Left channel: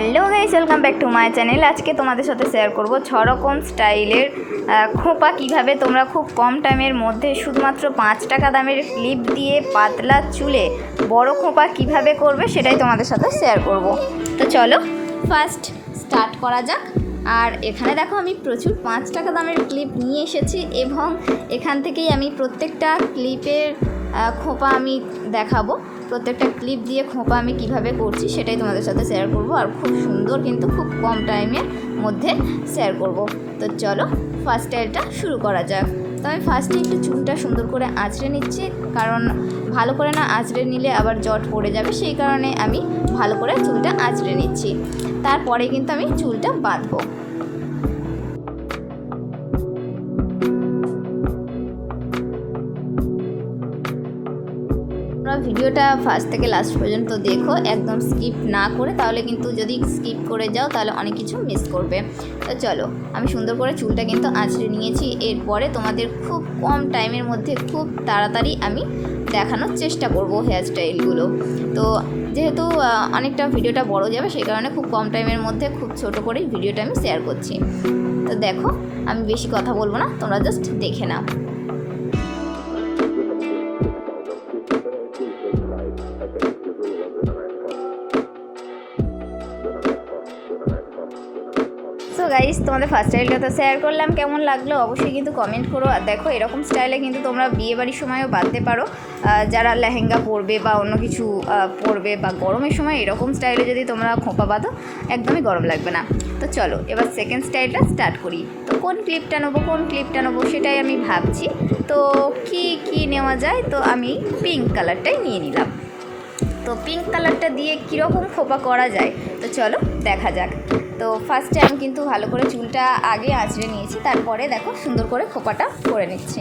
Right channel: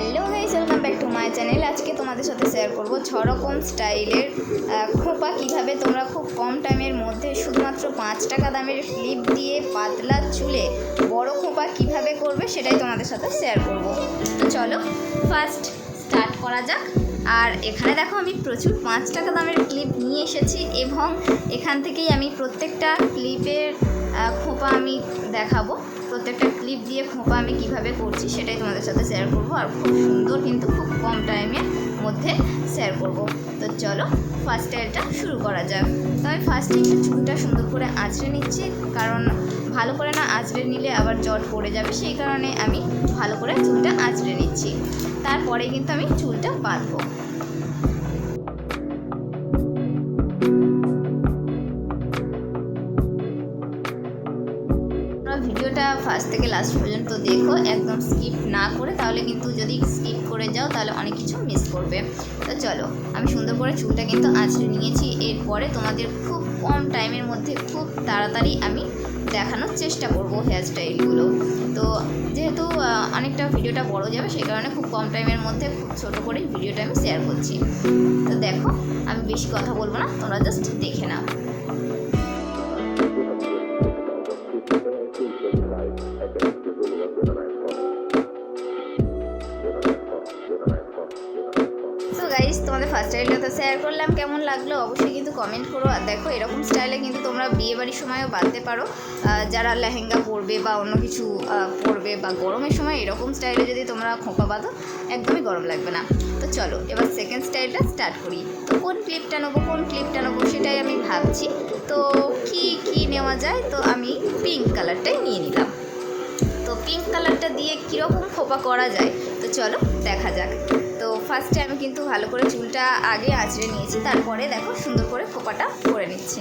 Hello guys, welcome back to my channel. আজকে তোমাদের সাথে শেয়ার করব 6 রকম স্টাইলের খোঁপা কিভাবে তোমরা খুব কম টাইমের মধ্যে শুধুমাত্র 5 টাকা দামের ক্লিপ দিয়ে পাতলা চুলে বড় খোঁপা কিভাবে করবে সেটাই তোমাদের সাথে শেয়ার করব। তো চলো ফার্স্ট স্টার্ট করা যাক। আর এখানে দেখো আমি প্রচুর 5 টাকা দামের ক্লিপ নিয়ে এসেছি এবং এখান থেকেই আমি প্রত্যেকটা ক্লিপের খোঁপা আমি দেখাবো। প্রত্যেকটা ক্লিপ দিয়ে খোঁপা আমি কিভাবে করছি সেটাই তোমাদের সাথে শেয়ার করব, আর খুব সুন্দর কিন্তু খুব কম টাইমের মধ্যে শেয়ার করব। তো চলো ফার্স্ট স্টাইলটা শুরু করা যাক। তো আমি ফার্স্টে একটু চুলটা সুন্দর করে আঁচড়ে নিচ্ছি, কারণ ভালো করে না আঁচড়ে নিলে আবার জট পড়ে যাবে, সেই কারণে আমি ভালো করে চুলটা আঁচড়ে নিচ্ছি। তারপরে কিন্তু আমি চুলটা বাঁধবো। ভিডিওটা ফার্স্ট থেকে লাস্ট পর্যন্ত দেখো, একদম স্কিপ না করে, তাহলে কিন্তু যদি স্কিপ করে যাও তাহলে অনেক কিছু মিস করবে। তো চলো আমি সুন্দর করে চুলটা কিন্তু আঁচড়ে নিয়েছি। এরপরে তোমাদের খুব কম টাইমের মধ্যে খুব তাড়াতাড়ি আমি দেখানোর চেষ্টা করব হেয়ার স্টাইলগুলো। তো যেহেতু অনেকটা ভিডিওটা বড় যাবে, সেই কারণে খুব কম টাইমের মধ্যে খুব ছোট করেই ভিডিওটা আমি শেয়ার করছি। তো দেখো আমি বেশি কথা বলবো না, তোমরা জাস্ট দেখে নাও। সো গাইস, তোমাদের ফার্স্ট স্টাইলটা তো শেয়ার করলাম, কেমন লাগলো অবশ্যই কিন্তু কমেন্ট করো। আর দেখো এরকম স্টাইলে কিন্তু তোমরা বিয়েবাড়ির সময়ও বাঁধতে পারো, যারা লেহেঙ্গা পরবে বা অন্য কিছু পরবে, বা গরমের সময় এরকম স্টাইলে যদি তোমরা খোঁপা বাঁধো একদমই গরম লাগবে না। তো চলো এবার সেকেন্ড স্টাইলটা স্টার্ট করি। তো কোন ক্লিপটা নেবো সেটাই আমি ভাবছি। তো কি নেওয়া যায়, তো আমি পিঙ্ক কালারটাই নিয়ে নিলাম। তো পিঙ্ক কালারটা দিয়ে কীরকম খোঁপা করা যায় তো চলো দেখা যাক। তো ফার্স্টে আমি কিন্তু ভালো করে চুলটা আগে আঁচড়ে নিয়েছি, তারপরে দেখো সুন্দর করে খোঁপাটা করে নিচ্ছি।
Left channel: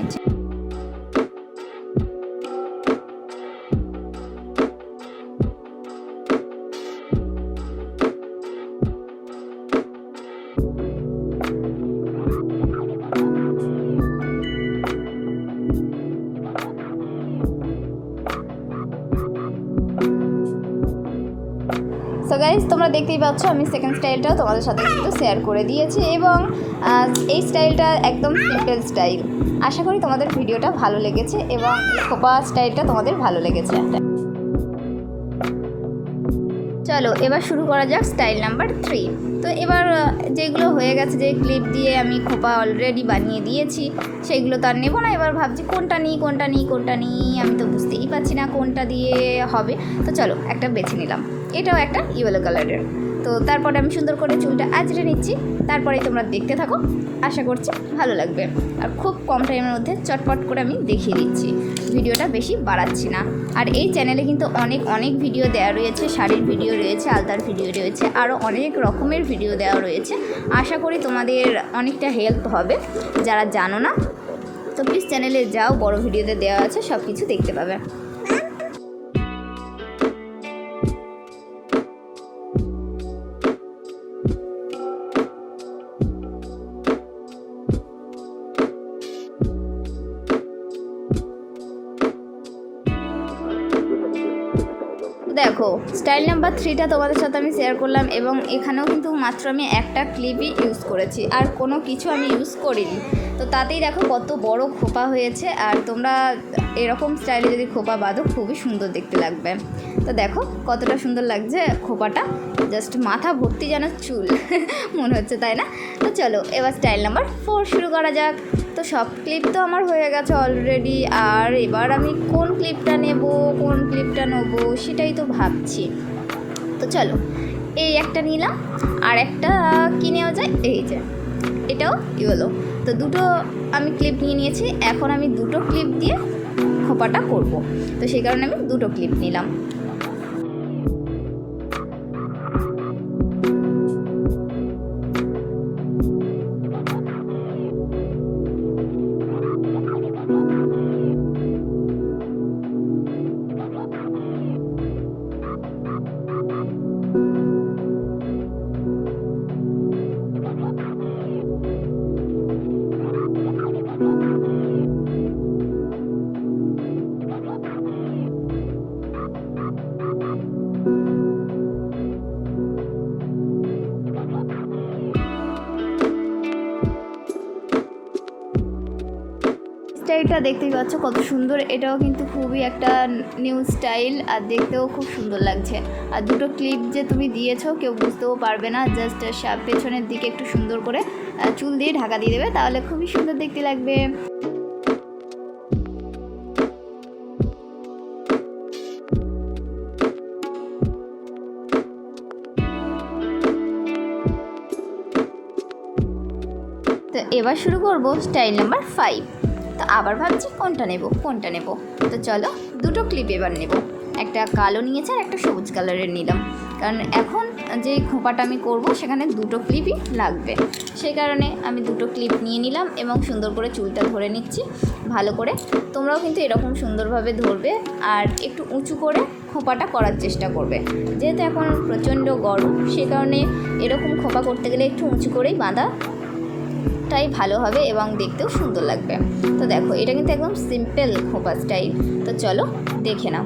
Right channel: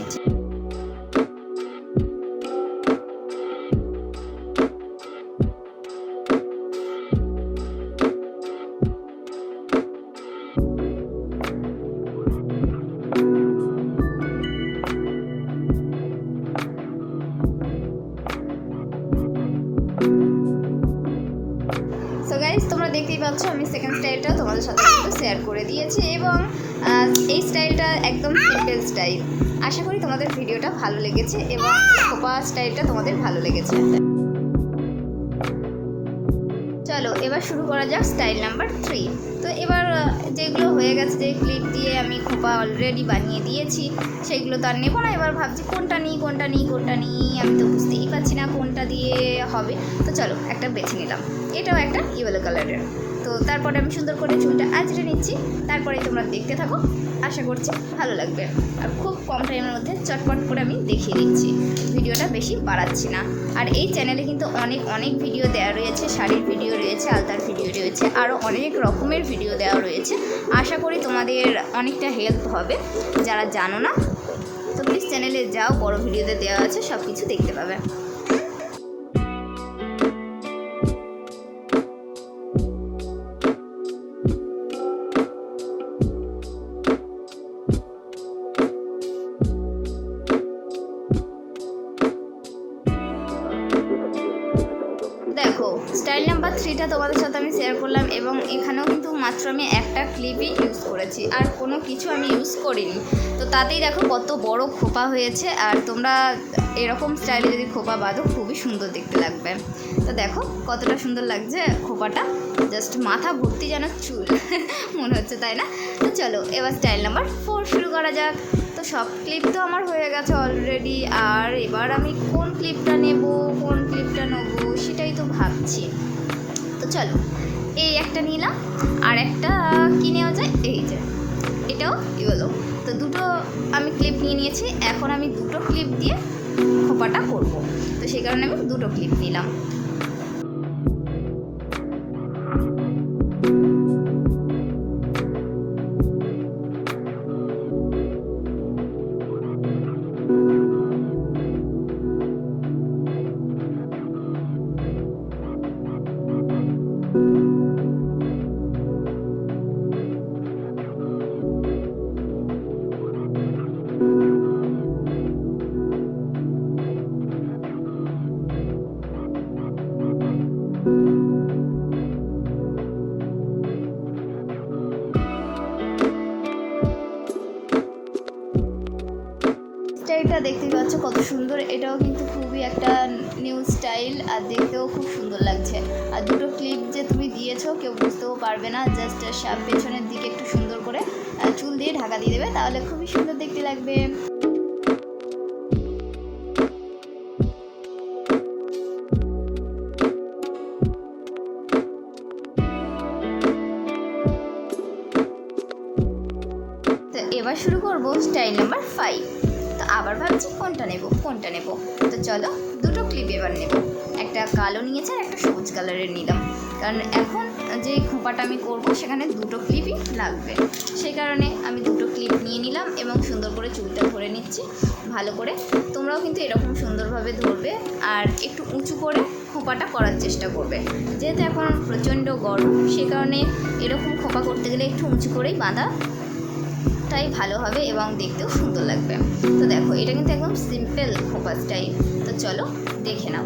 সো গাইস, তোমরা দেখতেই পাচ্ছ আমি সেকেন্ড স্টাইলটাও তোমাদের সাথে কিন্তু শেয়ার করে দিয়েছি, এবং এই স্টাইলটা একদম সিম্পল স্টাইল। আশা করি তোমাদের ভিডিওটা ভালো লেগেছে এবং খোপা স্টাইলটা তোমাদের ভালো লেগেছে। চলো এবার শুরু করা যাক স্টাইল নাম্বার 3। তো এবার যেগুলো হয়ে গেছে, যে ক্লিপ দিয়ে আমি খোপা অলরেডি বানিয়ে দিয়েছি, সেইগুলো তো আর নেবো না। এবার ভাবছি কোনটা নিই, আমি তো বুঝতেই পারছি না কোনটা দিয়ে হবে। তো চলো একটা বেছে নিলাম, এটাও একটা ইয়েলো কালারের। তো তারপরে আমি সুন্দর করে চুলটা আঁচড়ে নিচ্ছি, তারপরে তোমরা দেখতে থাকো, আশা করছি ভালো লাগবে। আর খুব কম টাইমের মধ্যে চটপট করে আমি দেখিয়ে দিচ্ছি, ভিডিওটা বেশি বাড়াচ্ছি না। আর এই চ্যানেলে কিন্তু অনেক ভিডিও দেওয়া রয়েছে, শাড়ির ভিডিও রয়েছে, আলতার ভিডিও রয়েছে, আরও অনেক রকমের ভিডিও দেওয়া রয়েছে। আশা করি তোমাদের অনেকটা হেল্প হবে যারা জানো না। তো প্লিজ চ্যানেলে যাও, বড় ভিডিওতে দেওয়া আছে, সব কিছু দেখতে পাবে। দেখো স্টাইল নাম্বার 3টা তোমাদের সাথে আমি শেয়ার করলাম, এবং এখানেও কিন্তু মাত্র আমি একটা ক্লিপই ইউজ করেছি, আর কোনো কিছু আমি ইউজ করিনি। তো তাতেই দেখো কত বড় খোপা হয়েছে। আর তোমরা এরকম স্টাইলে যদি খোপা বাঁধো খুবই সুন্দর দেখতে লাগবে। তো দেখো কতটা সুন্দর লাগছে খোপাটা, জাস্ট মাথা ভর্তি যেন চুল মনে হচ্ছে, তাই না? তো চলো এবার স্টাইল নাম্বার 4 শুরু করা যাক। তো সব ক্লিপ তো আমার হয়ে গেছে অলরেডি, আর এবার আমি কোন ক্লিপটা নেব সেটাই তো ভাবছি। তো চলো এই একটা নিলাম, আর একটা কী নেওয়া যায়, এই যে এটাও ইয়েলো। তো দুটো আমি ক্লিপ নিয়েছি, এখন আমি দুটো ক্লিপ দিয়ে খোপাটা করব। তো সেই কারণে আমি দুটো ক্লিপ নিলাম। স্টাইলটা দেখতেই পাচ্ছ কত সুন্দর, এটাও কিন্তু খুবই একটা নিউ স্টাইল আর দেখতেও খুব সুন্দর লাগছে। আর দুটো ক্লিপ যে তুমি দিয়েছো কেউ বুঝতেও পারবে না, জাস্ট পেছনের দিকে একটু সুন্দর করে চুল দিয়ে ঢাকা দিয়ে দেবে, তাহলে খুবই সুন্দর দেখতে লাগবে। তো এবার শুরু করব স্টাইল নাম্বার 5। তো আবার ভাবছি কোনটা নেব। তো চলো দুটো ক্লিপ এবার নেব, একটা কালো নিয়েছি আর একটা সবুজ কালারের নিলাম, কারণ এখন যে খোঁপাটা আমি করব সেখানে দুটো ক্লিপই লাগবে। সেই কারণে আমি দুটো ক্লিপ নিয়ে নিলাম এবং সুন্দর করে চুলটা ধরে নিচ্ছি ভালো করে। তোমরাও কিন্তু এরকম সুন্দরভাবে ধরবে আর একটু উঁচু করে খোঁপাটা করার চেষ্টা করবে, যেহেতু এখন প্রচণ্ড গরম সে কারণে এরকম খোঁপা করতে গেলে একটু উঁচু করেই বাঁধা তাই ভালো হবে এবং দেখতেও সুন্দর লাগবে। তো দেখো এটা কিন্তু একদম সিম্পল খোঁপা স্টাইল। তো চলো দেখে নাও।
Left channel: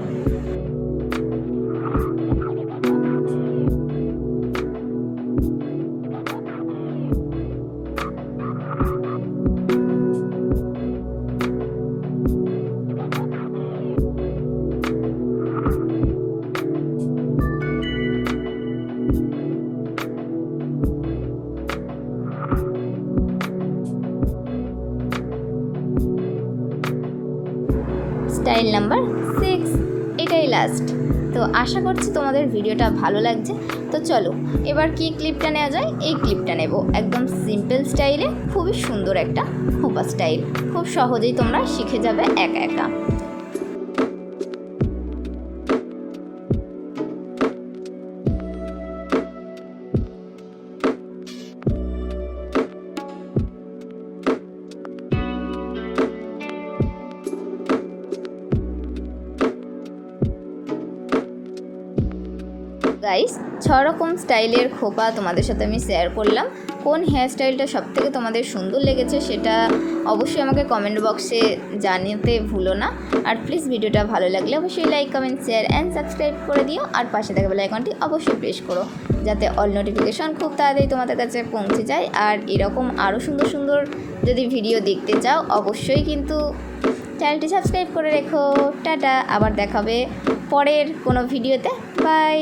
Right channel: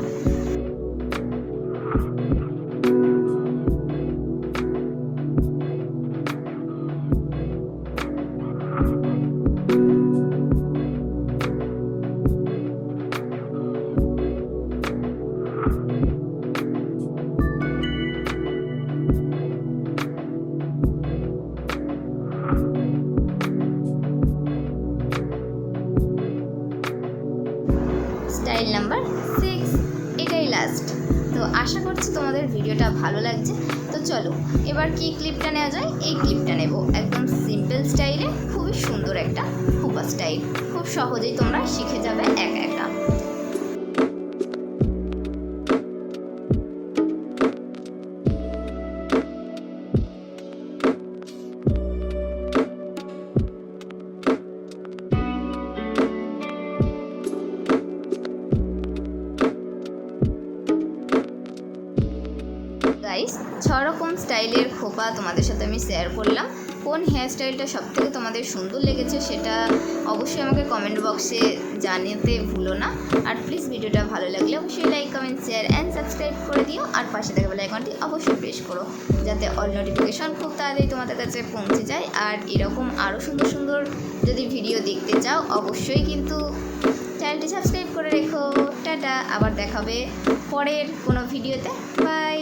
স্টাইল নাম্বার 6, এটাই লাস্ট। তো আশা করছি তোমাদের ভিডিওটা ভালো লাগছে। তো চলো এবার কি ক্লিপটা নেওয়া যায়, এই ক্লিপটা নেব একদম সিম্পল স্টাইলে, খুবই সুন্দর একটা খোঁপা স্টাইল, খুব সহজেই তোমরা শিখে যাবে একা একা। গাইস 6 রকম স্টাইলের খোঁপা তোমাদের সাথে আমি শেয়ার করলাম। কোন হেয়ার স্টাইলটা সবথেকে তোমাদের সুন্দর লেগেছে সেটা অবশ্যই আমাকে কমেন্ট বক্সে জানাতে ভুলো না। আর প্লিজ ভিডিওটা ভালো লাগলে অবশ্যই like, comment, share and subscribe করে দিও। আর পাশে থাকা বেল আইকনটি অবশ্যই প্রেস করো যাতে অল নোটিফিকেশন খুব তাড়াতাড়ি তোমাদের কাছে পৌঁছে যায়। আর এরকম আরও সুন্দর সুন্দর যদি ভিডিও দেখতে চাও অবশ্যই কিন্তু চ্যানেলটি সাবস্ক্রাইব করে রেখো। টাটা, আবার দেখাবে পরের কোনো ভিডিওতে। বাই।